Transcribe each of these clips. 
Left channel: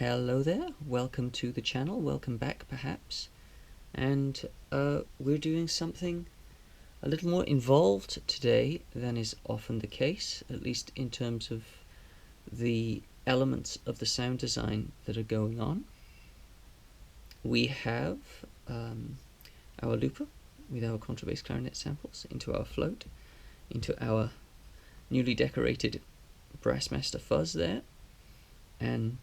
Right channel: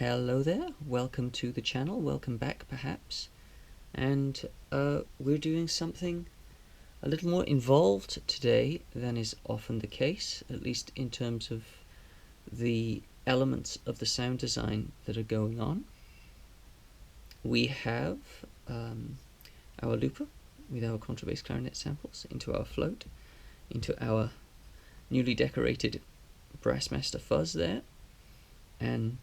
Hello there, welcome to the channel, welcome back perhaps, and we're doing something a little more involved today than is often the case, at least in terms of the elements of the sound design that are going on. We have our looper with our contrabass clarinet samples into our float, into our newly decorated brassmaster fuzz there, and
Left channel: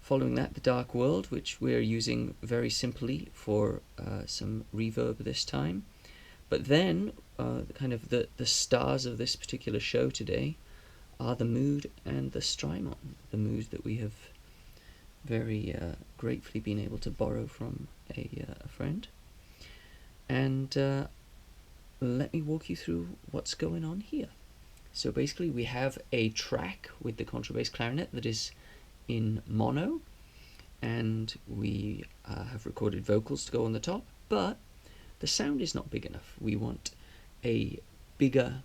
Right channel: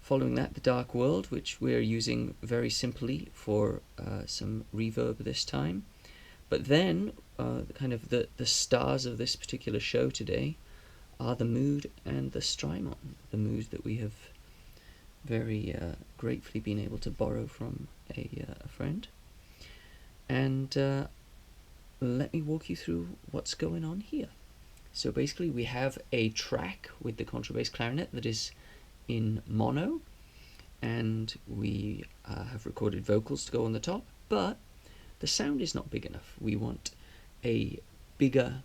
following that, the dark world, which we're using very simply for some reverb this time. But then, kind of the stars of this particular show today are the mood and the strymon, the mood that we have very gratefully been able to borrow from a friend. And let me walk you through what's going on here. So basically we have a track with the contrabass clarinet that is in mono, and we have recorded vocals to go on the top, but the sound is not big enough. We want a bigger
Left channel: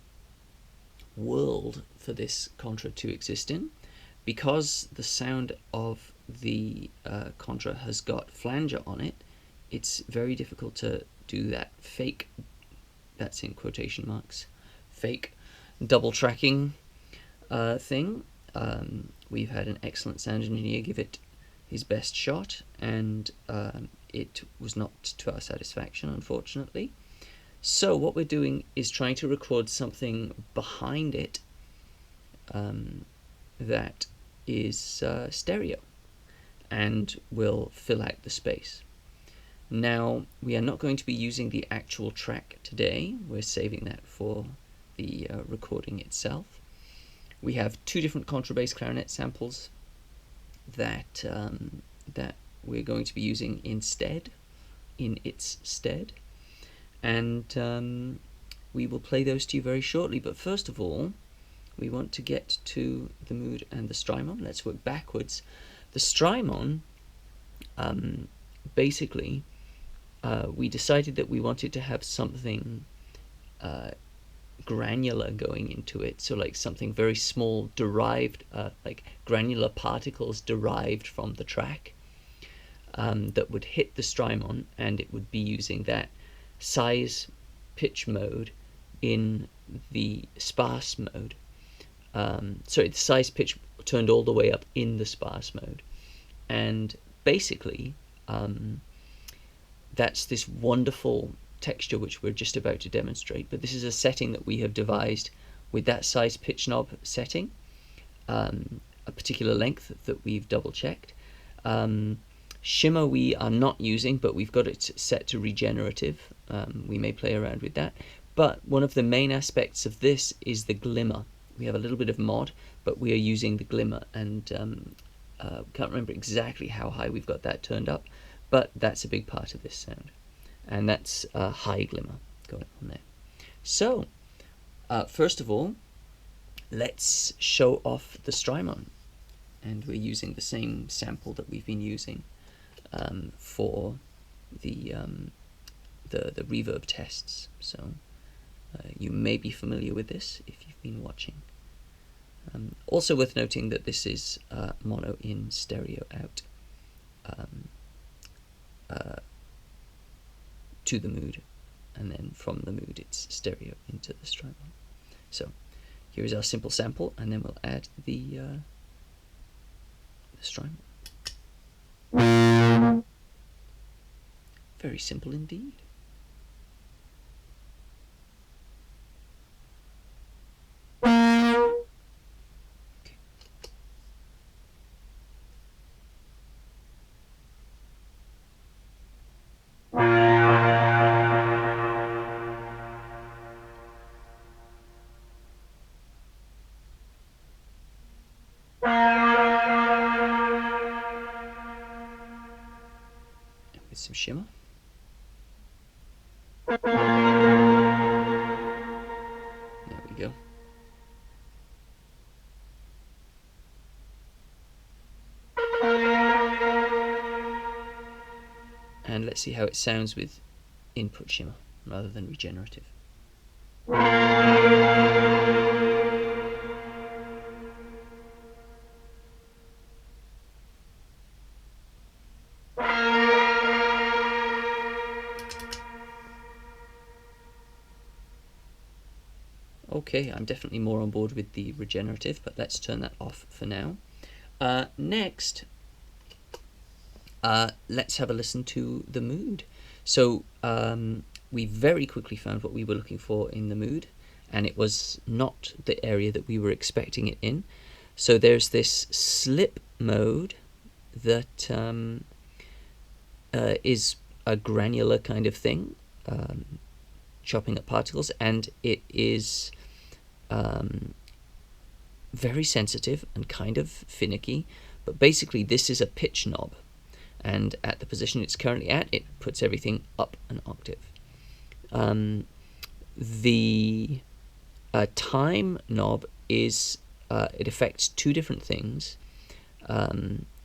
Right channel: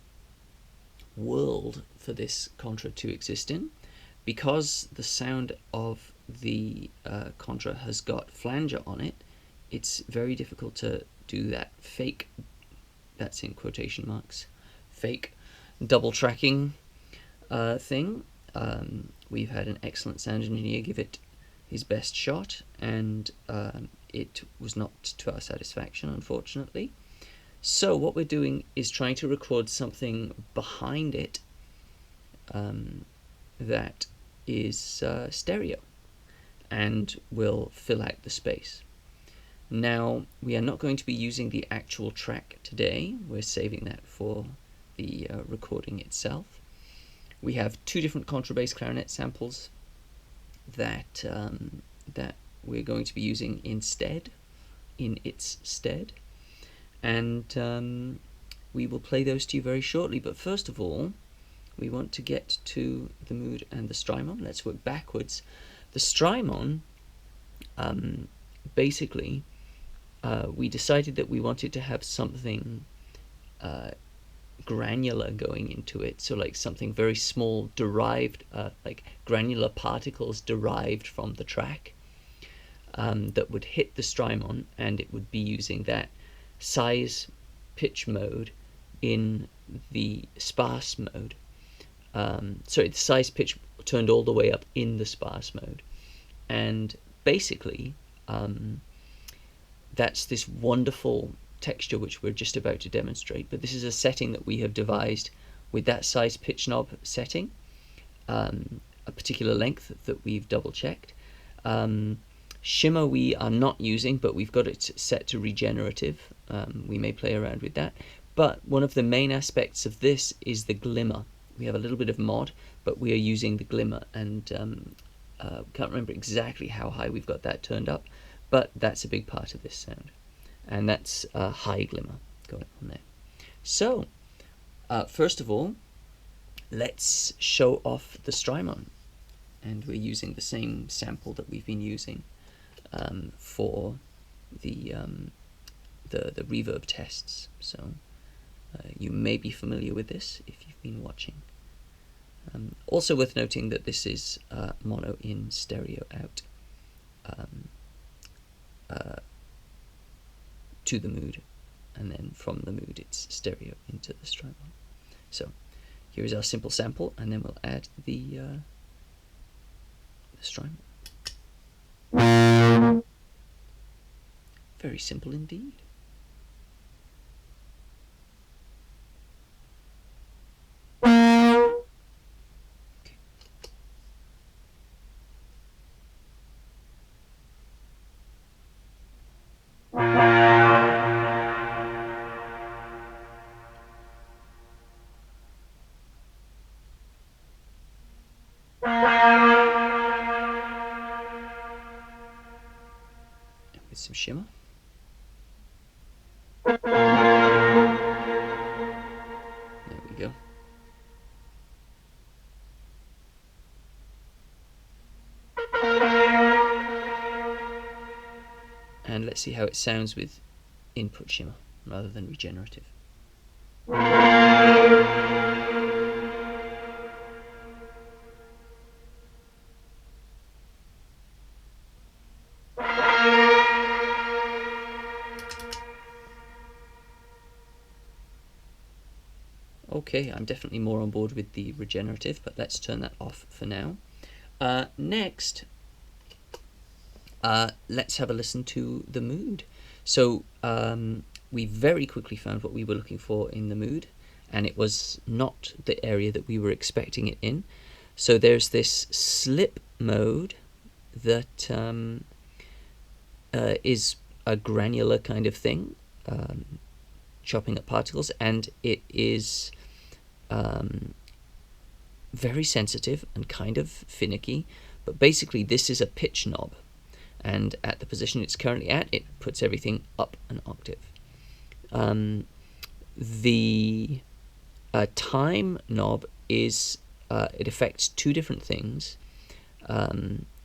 world for this contra to exist in. Because the sound of the contra has got flanger on it, it's very difficult to do that fake, that's in quotation marks, fake double tracking thing. We've had an excellent sound engineer give it his best shot, and it was not to our satisfaction, unfortunately. So what we're doing is trying to record something behind it that is stereo and will fill out the space. Now, we are not going to be using the actual track today. We're saving that for the recording itself. We have two different contrabass clarinet samples that that we're going to be using in its stead, and we will play those to you very shortly. But first of all, we want to get to the mood and the strymon. Let's work backwards. The strymon, basically, we decided that we wanted to have something granular going into it, so like something very small, derived, like granular particles derived from the track, that would hit the strymon, and it would be using that size pitch mode in the sparse mode. Sorry, the size pitch turned all the way up in the sparse mode, and basically that's this wonderful texture which we're just about to demonstrate. But this is a setting that we have devised with that size pitch knob setting, a particular length that we've double checked. Shimmer we are not using, but we've got it set to regenerative. We may play around with that, but one of the main aspects of this is the glimmer. We have a little bit of mod, but we are using the glimmer, and can't remember exactly how high we've got that turned up, but that's a big part of this sound. And that's a high glimmer going on there. So, first of all, let's show off the strymon. And we're using the same sample that we've been using for the reverb tests. So, you may be familiar with this if you've been watching. Also worth noting that this is mono in, stereo out. To the mood, and then from the mood it's stereo into the strymon. So here is our simple sample, and then we'll add the strymon. Very simple indeed. With some shimmer. There we go. And let's see how it sounds with input shimmer rather than regenerative. Okay, I'm definitely more on board with the regenerative, but let's turn that off for now. Next, let's have a listen to the mood. So we very quickly found what we were looking for in the mood, and it was not the area that we were expecting it in. So there's this slip mode that is a granular kind of thing, chopping up particles, and it is very sensitive and kind of finicky. But basically this is a pitch knob, and at the position it's currently at, it puts everything up an octave. The time knob is it affects two different things.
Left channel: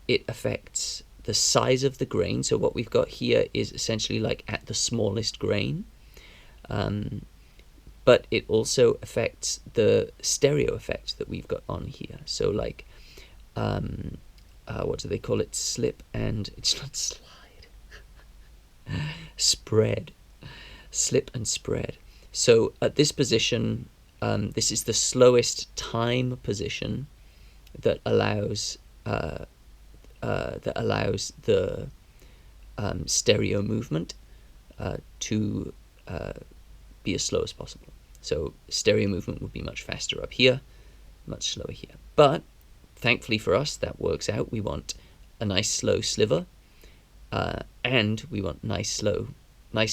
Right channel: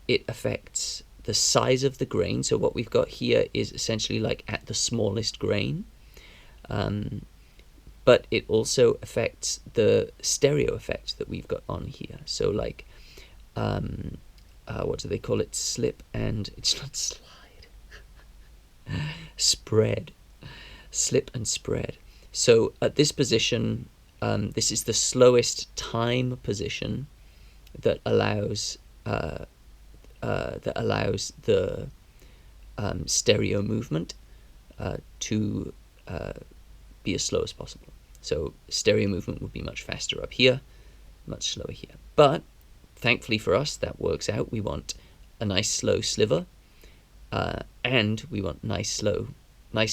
It affects the size of the grain, so what we've got here is essentially like at the smallest grain, but it also affects the stereo effect that we've got on here. So like what do they call it? Slip and it's not slide. Spread. Slip and spread. So at this position, this is the slowest time position that allows the stereo movement to be as slow as possible. So stereo movement would be much faster up here, much slower here. But thankfully for us, that works out. We want a nice slow sliver, and we want nice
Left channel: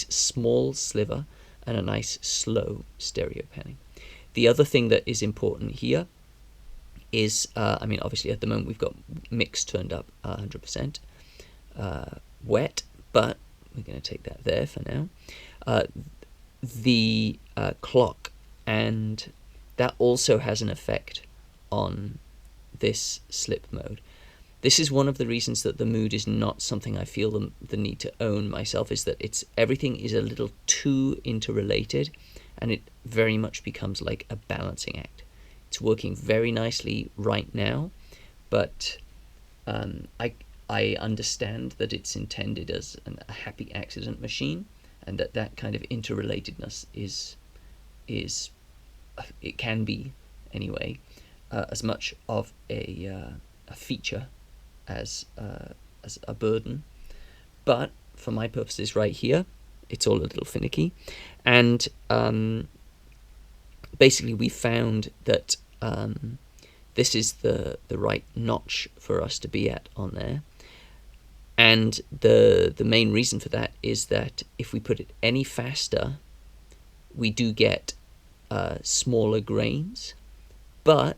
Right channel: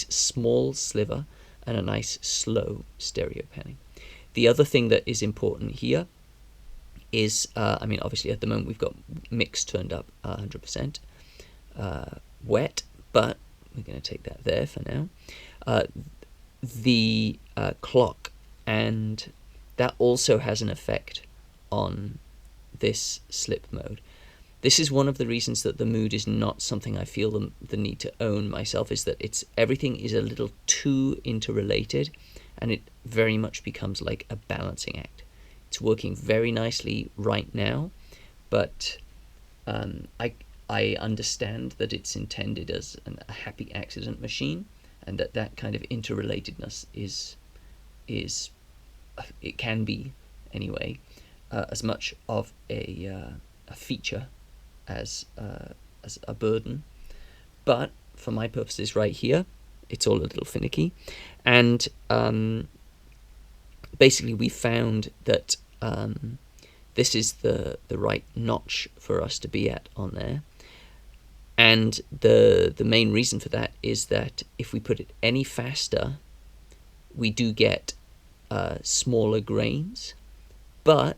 small sliver, and a nice slow stereo panning. The other thing that is important here is, I mean, obviously at the moment we've got mix turned up 100% wet, but we're going to take that there for now. The clock, and that also has an effect on this slip mode. This is one of the reasons that the mood is not something I feel the need to own myself, is that everything is a little too interrelated, and it very much becomes like a balancing act. It's working very nicely right now, but I understand that it's intended as a happy accident machine, and that kind of interrelatedness is it can be anyway as much of a feature as a burden. But for my purposes right here, it's all a little finicky, and basically we found that this is the right notch for us to be at on there. And the main reason for that is that if we put it any faster, we do get smaller grains, but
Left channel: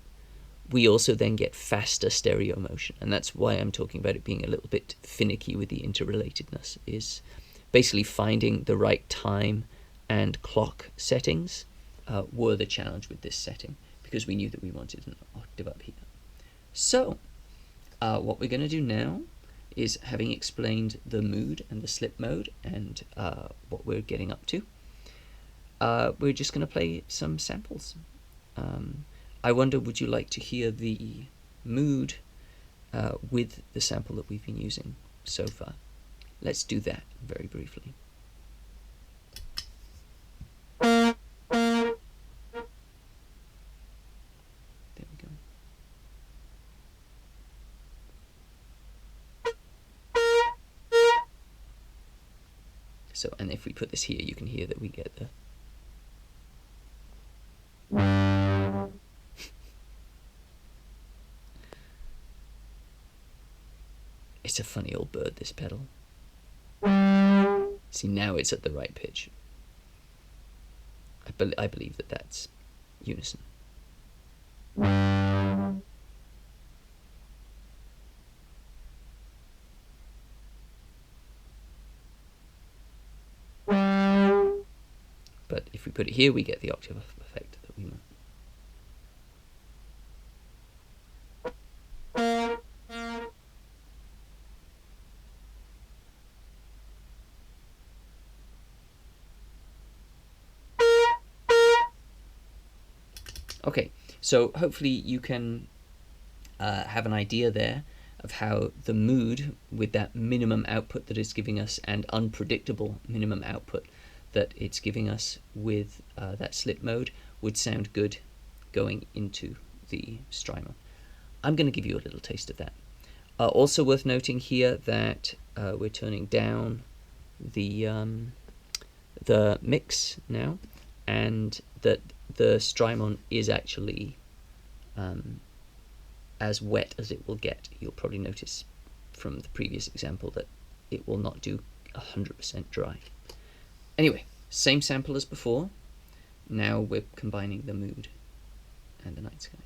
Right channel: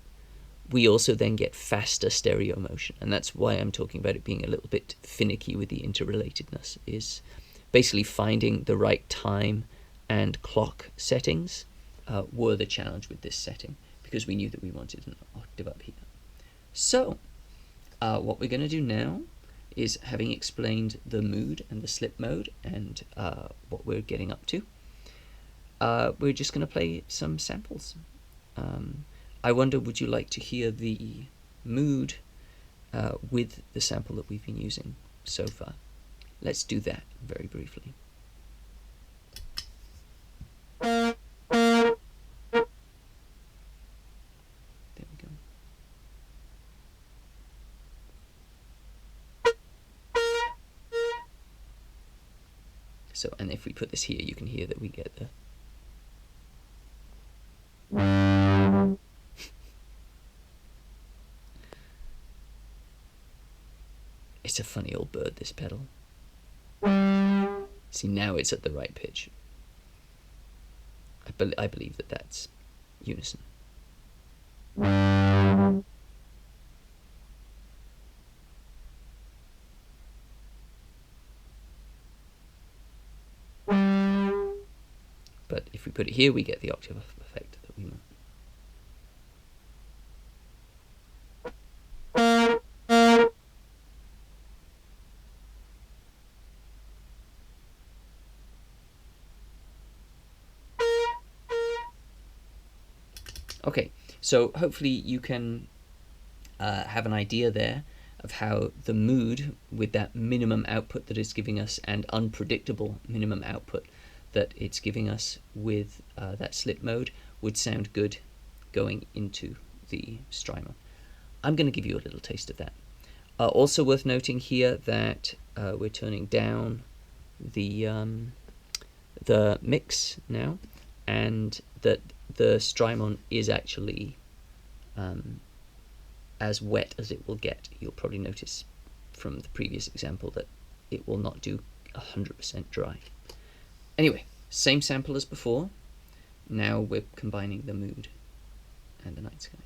we also then get faster stereo motion. And that's why I'm talking about it being a little bit finicky with the interrelatedness, is basically finding the right time and clock settings were the challenge with this setting, because we knew that we wanted an octave up here. So what we're going to do now is, having explained the mood and the slip mode and what we're getting up to, we're just going to play some samples. I wonder, would you like to hear the mood with the sample that we've been using so far? Let's do that very briefly. There we go. So, and if we put this here, you can hear that we get the It's a funny old bird, this pedal. See, now it's at the right pitch. I believe that that's unison. But if we put it here, we get the octave effect that we want. Okay, so hopefully you can have an idea there of how the mood, with that minimum output that it's giving us and unpredictable minimum output that it's giving us with that slip mode, would sound good going into the strymon. I'm going to give you a little taste of that. Also worth noting here that we're turning down the mix now, and that the strymon is actually as wet as it will get. You'll probably notice from the previous example that it will not do 100% dry. Anyway, same sample as before. Now we're combining the mood and the night sky.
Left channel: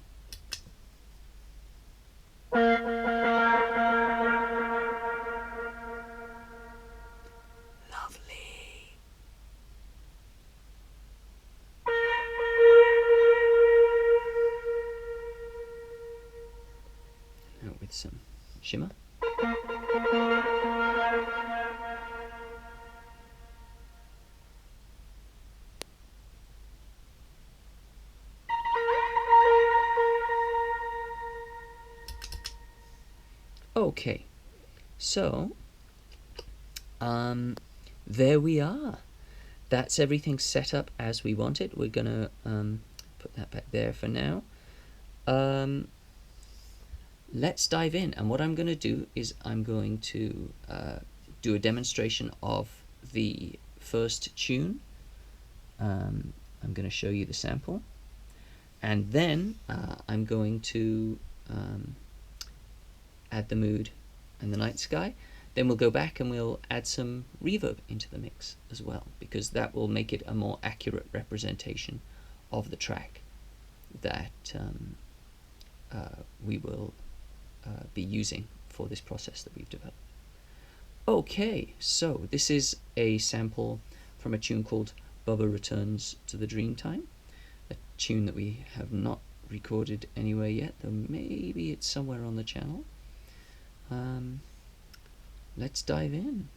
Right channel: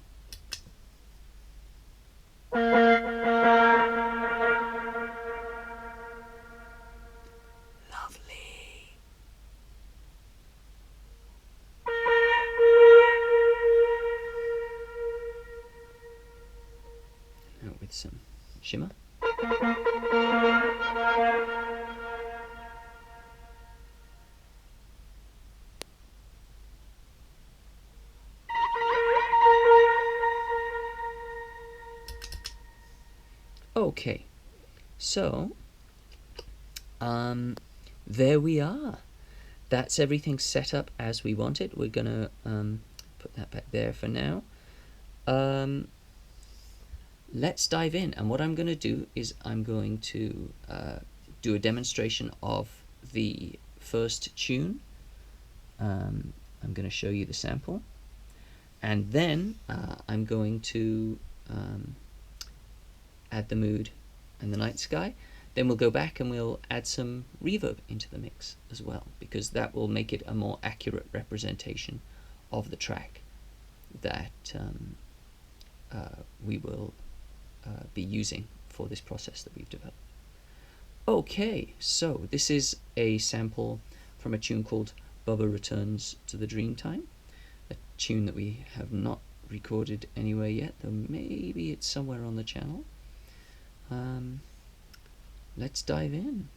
Lovely. Now with some shimmer. Okay, so there we are. That's everything set up as we want it. We're gonna put that back there for now. Let's dive in, and what I'm going to do is I'm going to do a demonstration of the first tune. I'm going to show you the sample, and then I'm going to add the mood and the night sky. Then we'll go back and we'll add some reverb into the mix as well, because that will make it a more accurate representation of the track that we will be using for this process that we've developed. Okay, so this is a sample from a tune called Bubba Returns to the Dreamtime, a tune that we have not recorded anywhere yet, though maybe it's somewhere on the channel. Let's dive in.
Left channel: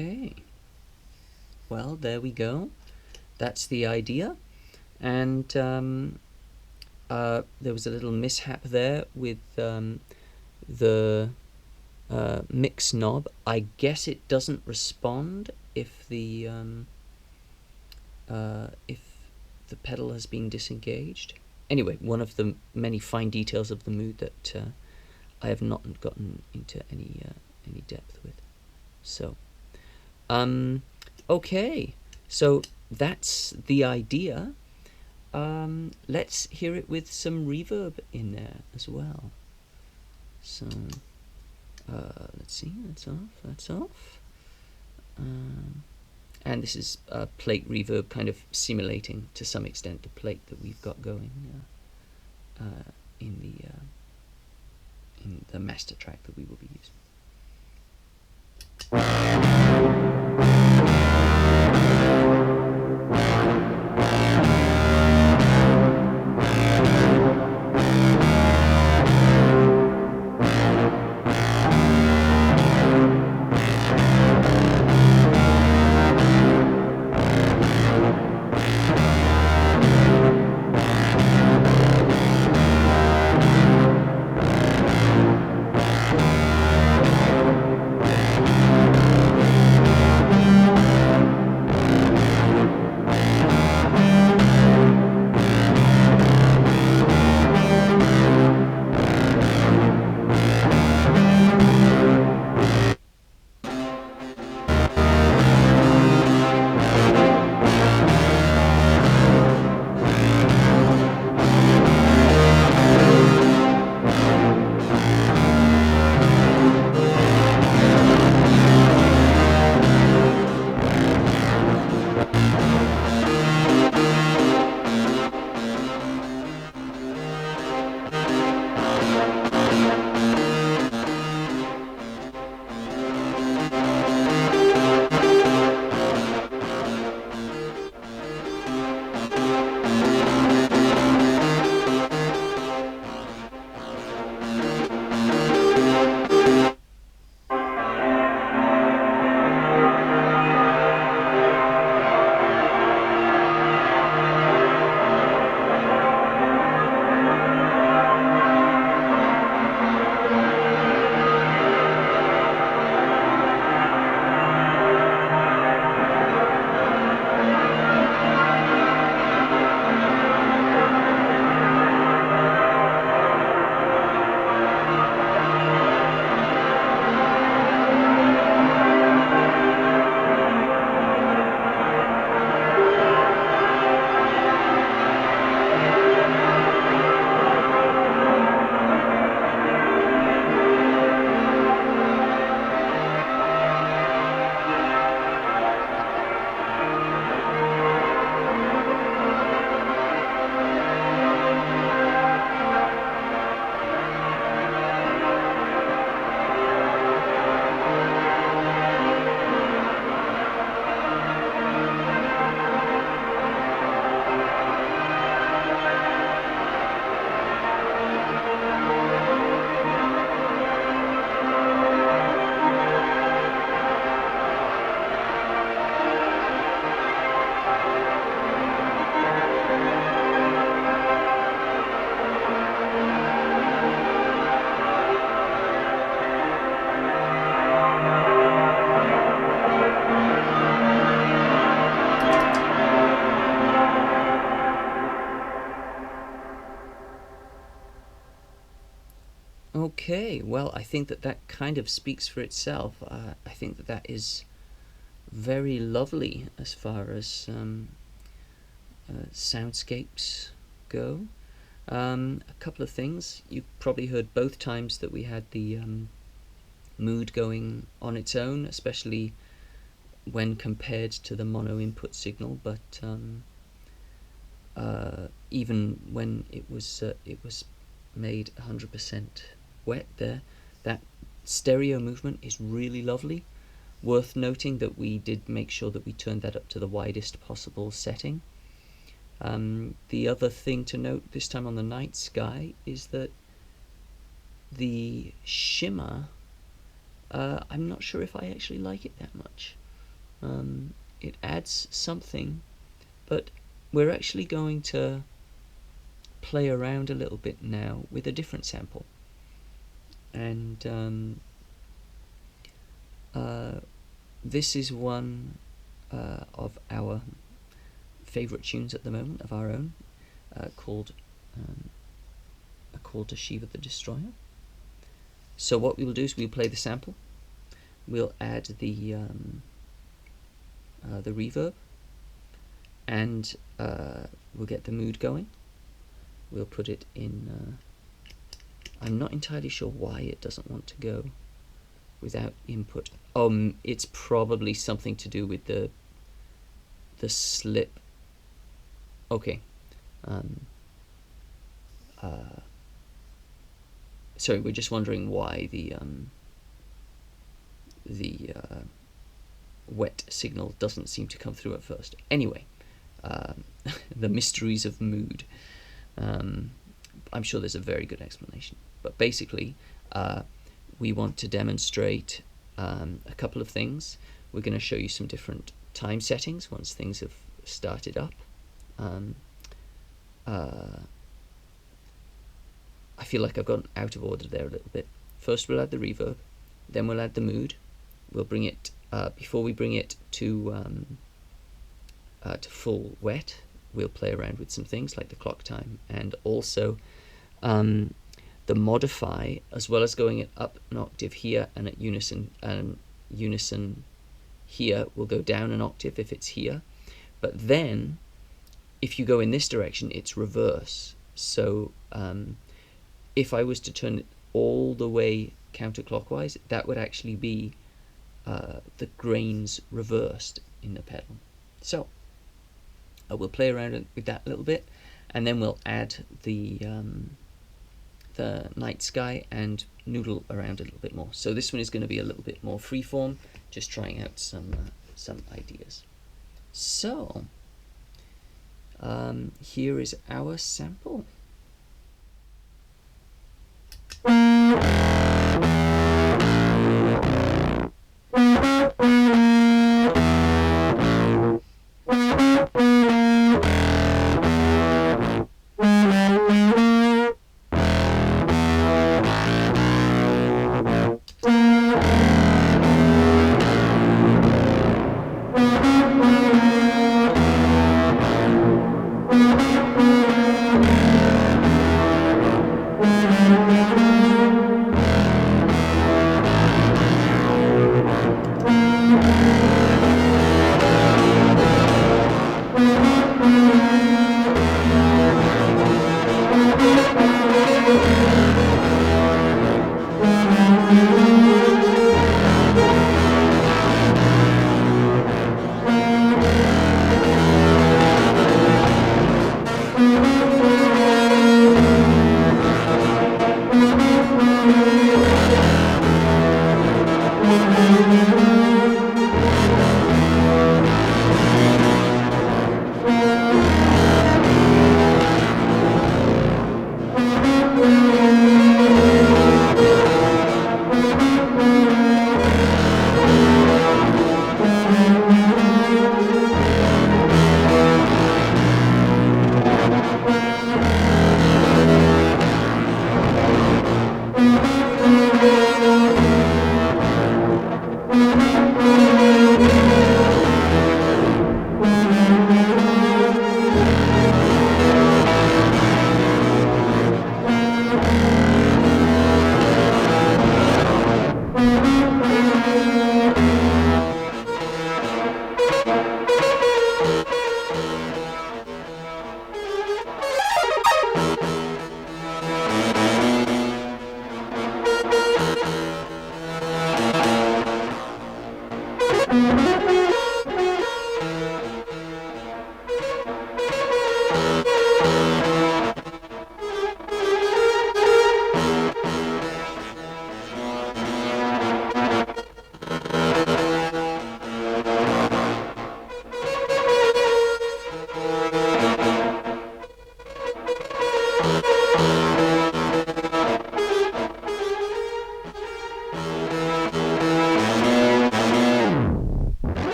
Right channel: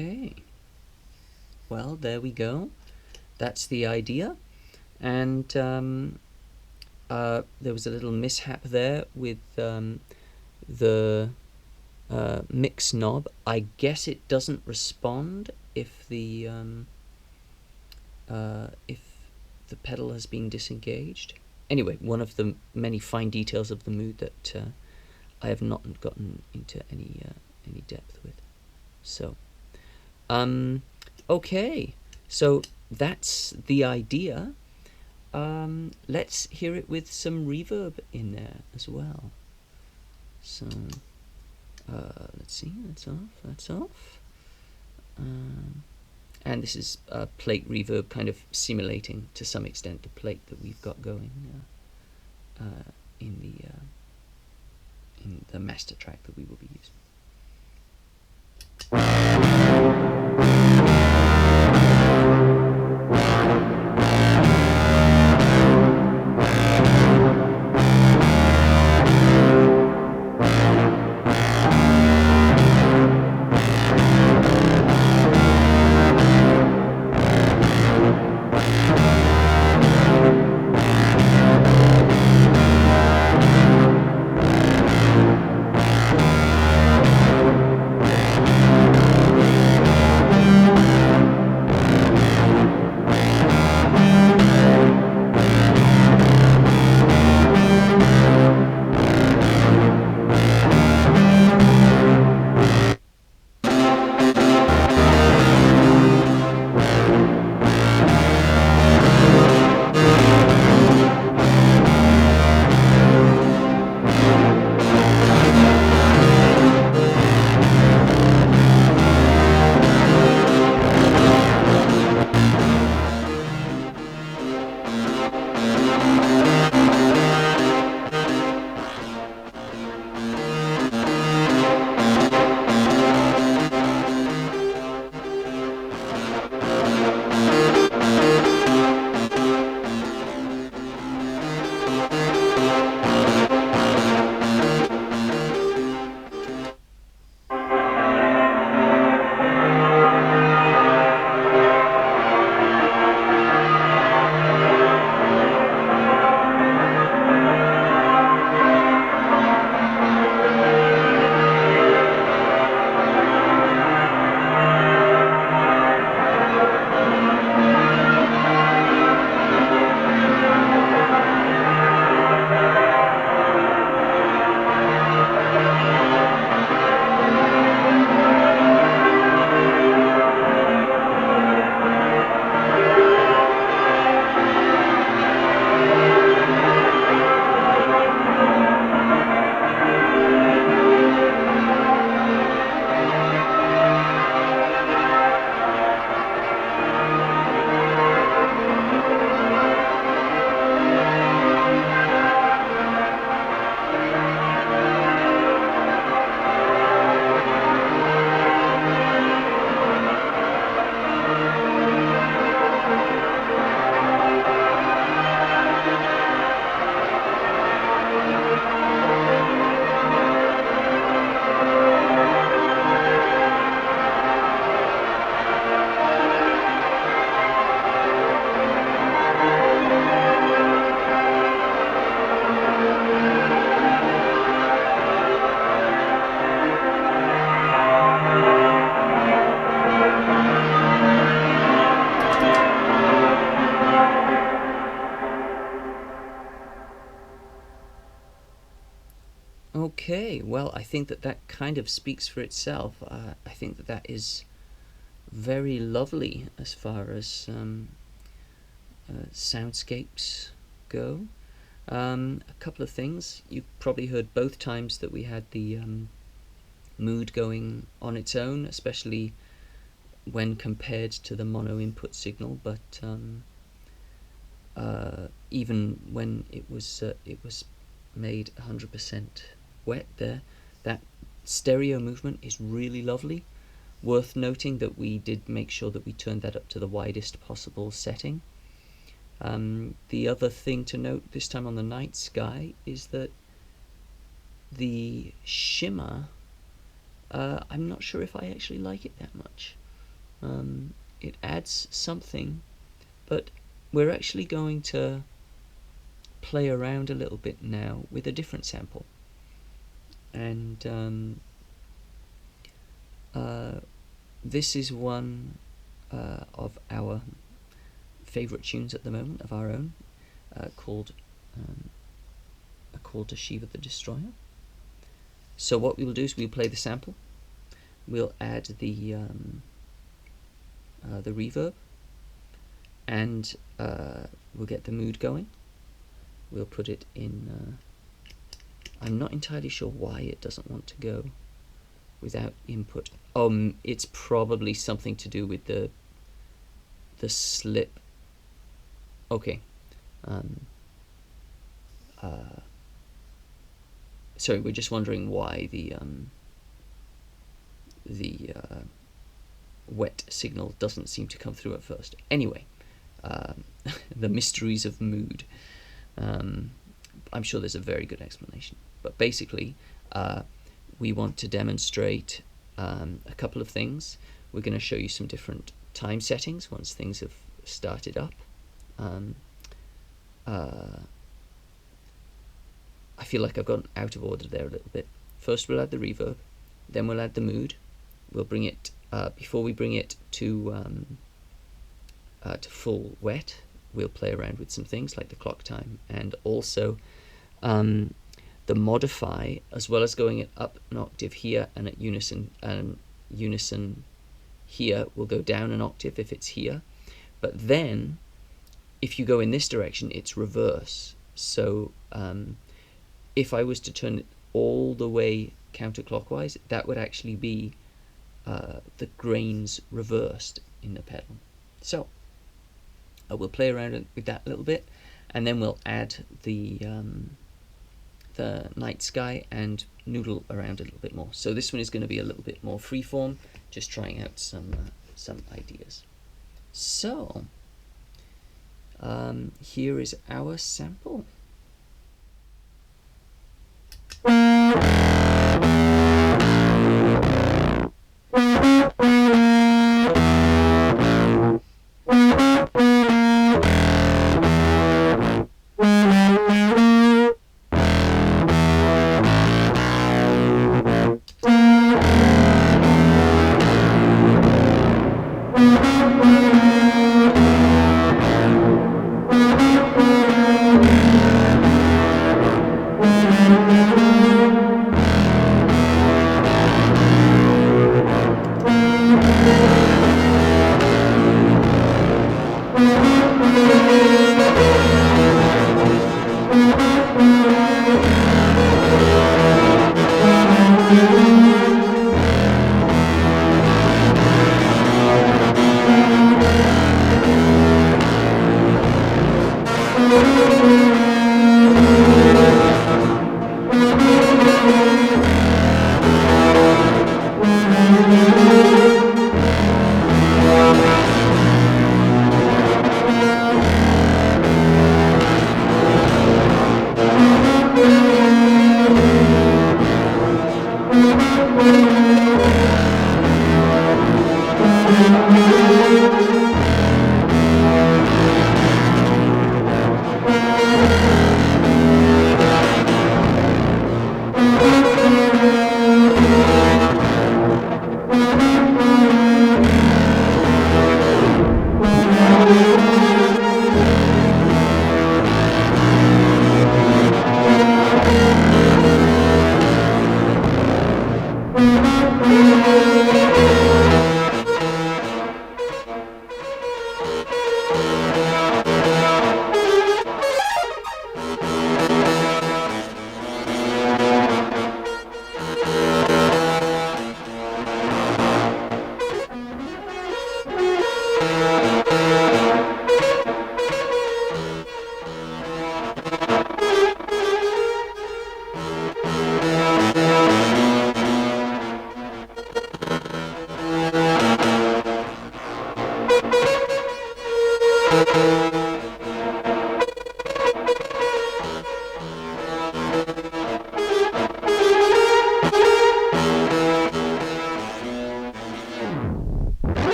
Okay. Well, there we go. That's the idea. And there was a little mishap there with the mix knob. I guess it doesn't respond if the pedal has been disengaged. Anyway, one of the many fine details of the mood that I have not gotten into any depth with. So, okay, so that's the idea. Let's hear it with some reverb in there as well. So, let's see, that's off. And this is plate reverb, kind of simulating to some extent the plate that we've got going in the master track that we will be using. Okay, well, I think that that kind of speaks for itself. I think that that is very lovely as far as soundscapes go. A couple of things. You probably heard both times that we had the mood going on its own, especially when compared to the mono input signal, but even when it was made 100% wet there, that stereo movement is really lovely. Worth noting that we did make sure that we turned that up to the widest possible setting. The other thing to note this time on the nightsky is that the shimmer, I'm not sure if I actually like it that much. it adds something, but we're actually going to play around a little bit now with a different sample. And this is one of our favorite tunes at the moment, of our own, called A Call to Shiva the Destroyer. So what we'll do is we'll play the sample, we'll add the reverb, and we'll get the mood going. We'll put it in, I'm not entirely sure why it doesn't want to go without input. It's probably something to do with the slip. Okay. Sorry, we're just wondering why the wet signal doesn't seem to come through at first. Anyway, the mysteries of mood. I'm sure there's a very good explanation. But basically, we want to demonstrate a couple of things. We're going to show you some different time settings once things have started up. I feel like I've gone out of order there a little bit. First we'll add the reverb, then we'll add the mood. We'll bring it, before we bring it to full wet, we'll play around with some things like the clock time, and also the modify, as well as going it up an octave here and at unison here, will go down an octave if it's here. But then if you go in this direction, it's reverse. So if I was to turn it all the way counterclockwise, that would actually be the grains reversed in the pedal. So we'll play around with that a little bit, and then we'll add the nightsky and noodle around a little bit more. So this one is going to be a little bit more freeform, just trying out some ideas. So here is our sample.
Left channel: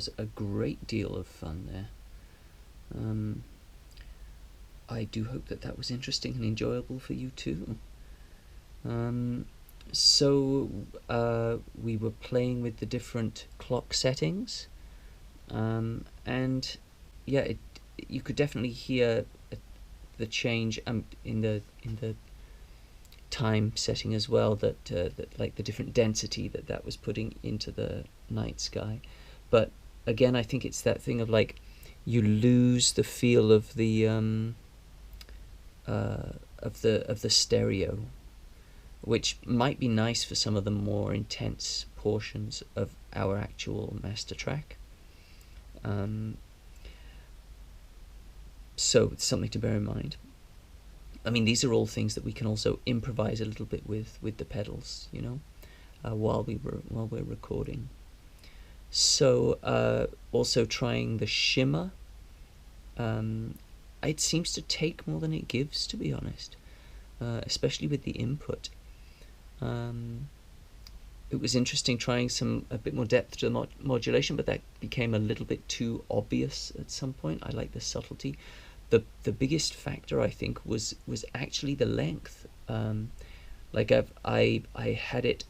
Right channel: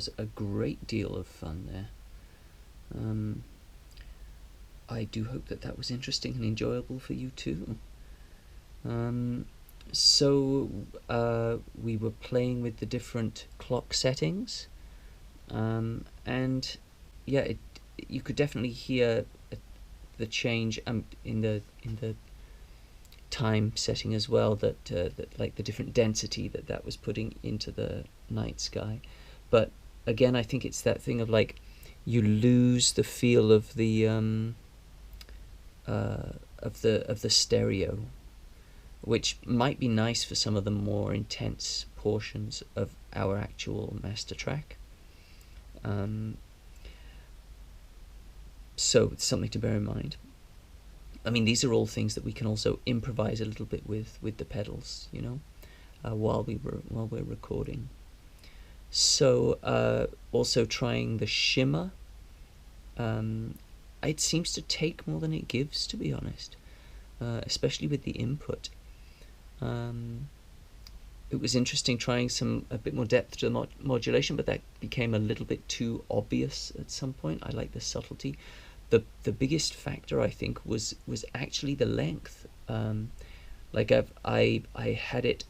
was a great deal of fun there. I do hope that that was interesting and enjoyable for you too. So we were playing with the different clock settings, and yeah, you could definitely hear the change in the time setting as well, that like the different density that was putting into the night sky. But again, I think it's that thing of like you lose the feel of the stereo, which might be nice for some of the more intense portions of our actual master track. So it's something to bear in mind. I mean, these are all things that we can also improvise a little bit with the pedals, you know, while we're recording. So also trying the shimmer. It seems to take more than it gives, to be honest, especially with the input. It was interesting trying a bit more depth to the modulation, but that became a little bit too obvious at some point. I like the subtlety. The biggest factor, I think, was actually the length. Like I had it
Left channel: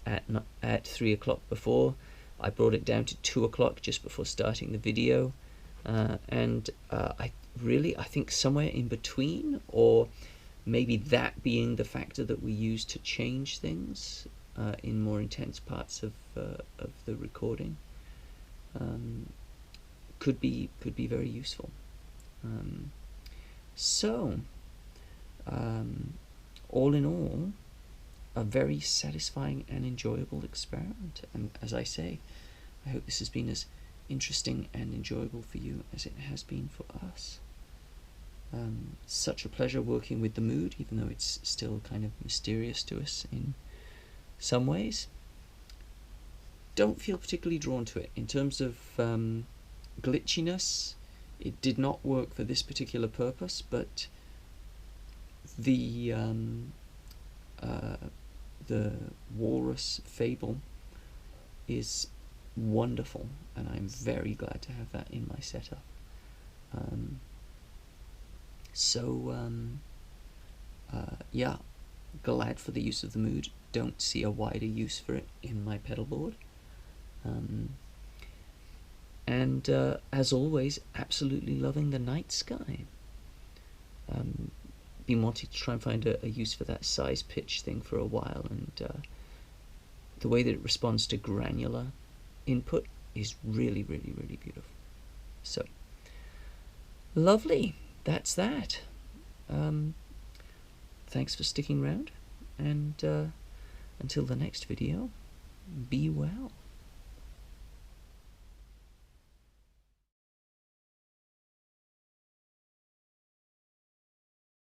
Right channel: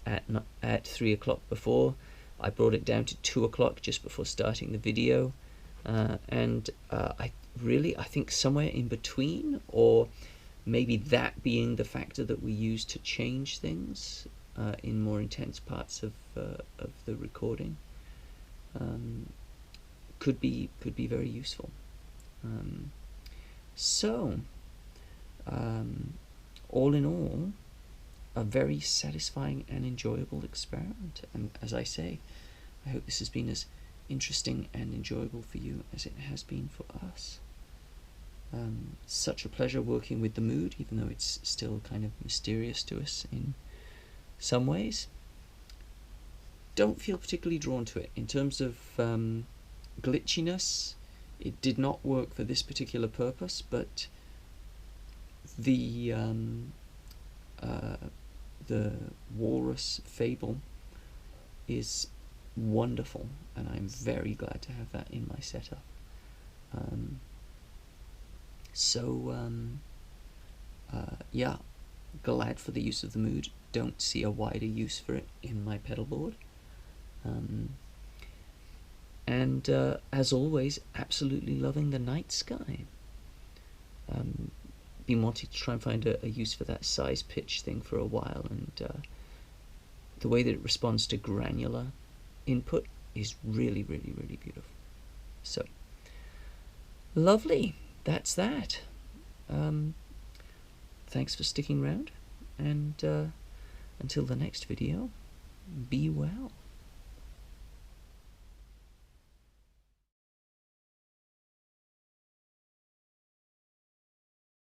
at 3 o'clock before. I brought it down to 2 o'clock just before starting the video, and I think somewhere in between, or maybe that being the factor that we use to change things in more intense parts of the recording, could be very useful. So all in all, a very satisfying and enjoyable experiment, and as I say, I hope this has been as interesting and enjoyable for you as it has been for us. Such a pleasure working with the mood, even though it's still kind of mysterious to us in some ways. Don't feel particularly drawn to it. In terms of glitchiness, it did not work for this particular purpose, but the Walrus Fable is wonderful, and I'm very glad to have that in my setup. Yeah, glad for the use of the mood. Don't see a wider use for it in my pedal board. And as always, absolutely loving the night sky. Been wanting to try and find a use for that size pitch thing for a while, and the way that it responds to granular input is really, really, really beautiful. So, lovely. That's that. Thanks for sticking around, and until the next video, be well.